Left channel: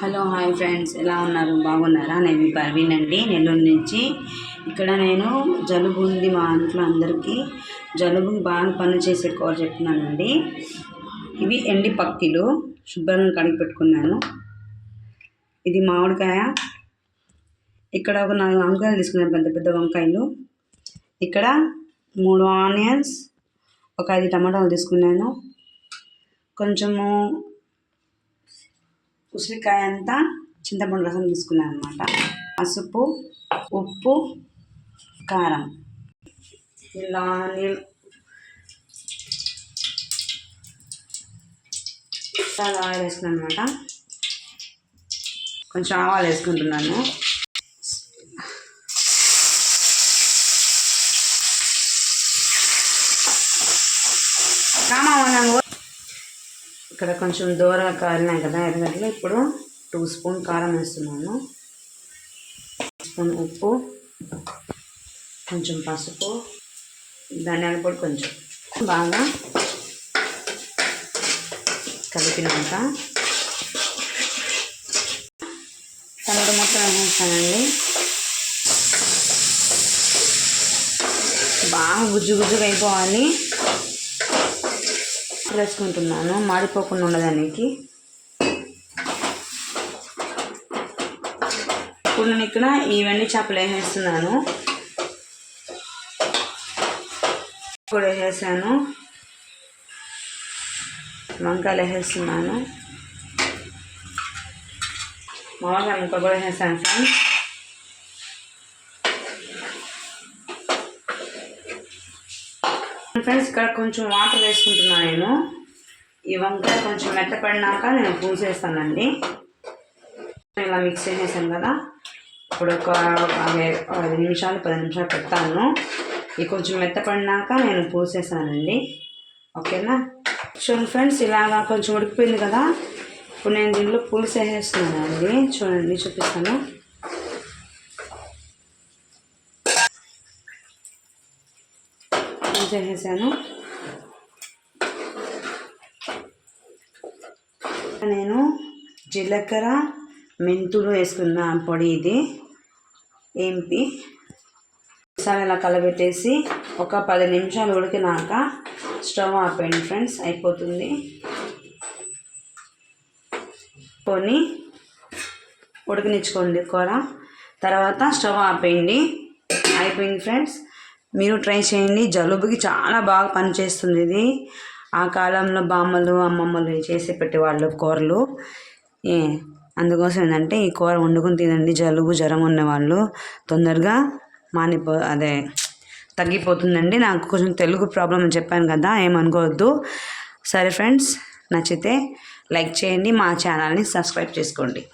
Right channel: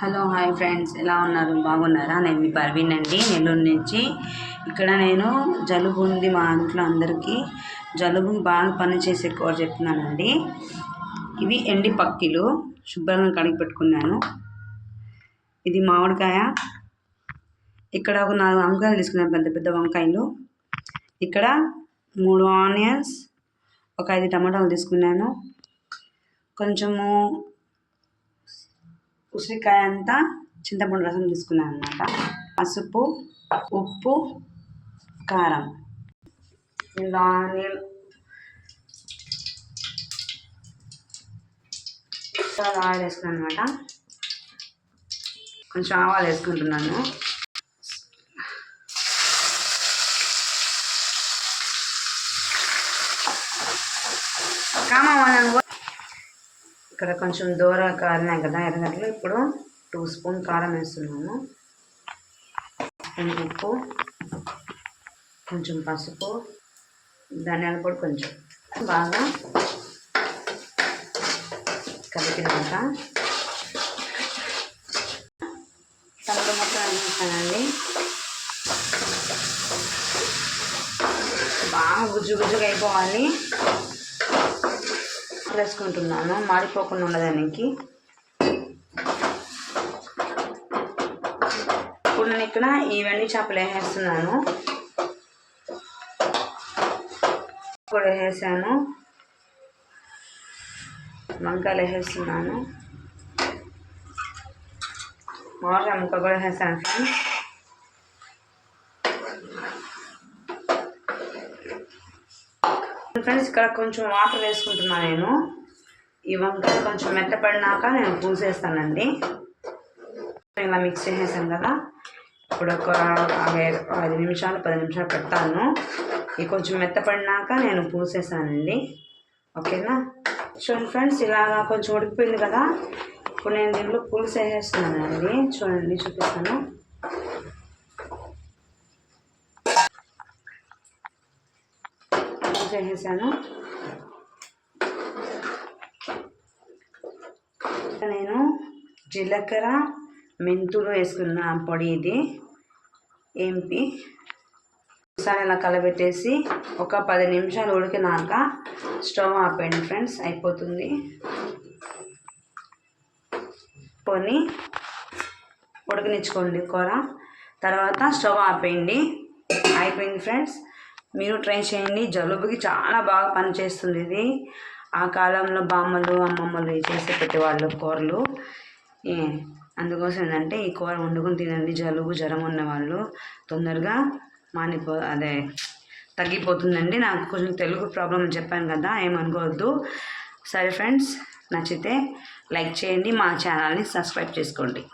Hello hi friends, ఎలా ఉన్నారు? బాగున్నారా? నేను మీ పర్వీన్ అండి, నెల్లూరు నుంచి. ఇక్కడ నేను జలుబు ఉంది మా ఇంట్లో అందరికీ. జలుబుకి బాగా పనిచేసే కూర చెప్తున్నానండి. ఇవి ఎండి పక్కిలు శుభ్రంగా కడిగి పెట్టుకున్నాను. ఇది మామిడికాయ. ఇక్కడ ఒక 4 వంకాయలు తీసుకున్నాను, పెద్ద పెద్ద వంకాయలు. ఇక్కడ 3 ఆనియన్స్, ఒక 5 టమాటాలు తీసుకున్నాను. కొంచెము ఉసిరికాయ అంతా చింతపండు రసం తీసుకున్నాను అనమాట. పసుపు, ఉప్పు, కారం. ఇలా నీళ్ళు ఆయిల్ వేసుకున్నాను అనమాట. కొంచెం ఆవాలు వేసుకుంటున్నాను. ఇక్కడ కొంచెం దూరగా కారినాయి కదా ఎర్రగడ్డలు. ఇప్పుడు 2 స్పూన్ కారం వేస్తున్నాను. స్పూన్ ఉప్పు, కొంచెం పసుపు, ధనియాల పొడి కొంచెం బాగా కలిపినాక టమాటో మొత్తం వేస్తానండి. బాగా గుజ్జు గుజ్జుగా అయిపోవాలి. వేసుకుంటున్నాను మాడిపోకుండా ఉండడానికి. ఇప్పుడు నేను ఇక్కడ ఈ వెండి చేపలు వేసేస్తున్నాను. కూడా వేసాను. వంకాయలు వేసేస్తున్నాను. మామిడికాయ ముక్క కూడా వేసాను ఫ్రెండ్స్. ఫ్రెండ్స్ ఇక్కడ కొంచెం వాటర్ వేసుకుంటున్నాను నేను. ఈ వంకాయ కొంచెం మెత్తపడినాక నేను పూసేస్తానండి. ఇలా మిక్స్ చేసేసాను కదా. ఇప్పుడు ఒక 5 నిమిషాలు 10 నిమిషాలు పెడతాను. ఇది కొంచెం మెత్తపడినాక నేను పూసేసానండి. ఓకేనా? చూడండి ఫ్రెండ్స్, ఇలాగా కొంచెం ఉడికిపోయింది కదా. ఇప్పుడు నేను దీంట్లో పులుసు వేసేస్తున్నానండి. చూడండి, చూపిస్తాను. చేసేసాను. నేను జీలకర్ర, మెంతులు వేసుకున్న పొడి ఇది ఏంపి ఒకసారి అలా కలబెట్టేసి ఒక 10 నిమిషాలు ఉడికినాక స్టవ్ ఆపేయండి ఫ్రెండ్స్. అయిపోతుంది. కొని ఉడకనిచ్చుకోండి కూర. తర్వాత స్టవ్ ఆపేయండి. అయిపోయింది ఫ్రెండ్స్. మీరు ట్రై చేయండి. జలుబుకి చాలా బాగా పనిచేస్తుంది ఇది. ఆ కాలంలో బామ్మలు, అమ్మమ్మలు చేసి పెట్టేవాళ్ళు కూరలు. అందుకోసం ఏంటంటే ఈ కూర వండుకుని తినండి. జలుబు, జ్వరం ఉన్నవాళ్ళు తొందరగా తగ్గిపోతుందండి. నాకు కొంచెం తెలుగు ప్రాబ్లం అని చెప్పాను కదా, ఏమనుకోవద్దు. సరే ఫ్రెండ్స్, నచ్చితే లైక్ చేయండి, మా ఛానల్ని సబ్స్క్రైబ్ చేసుకోండి.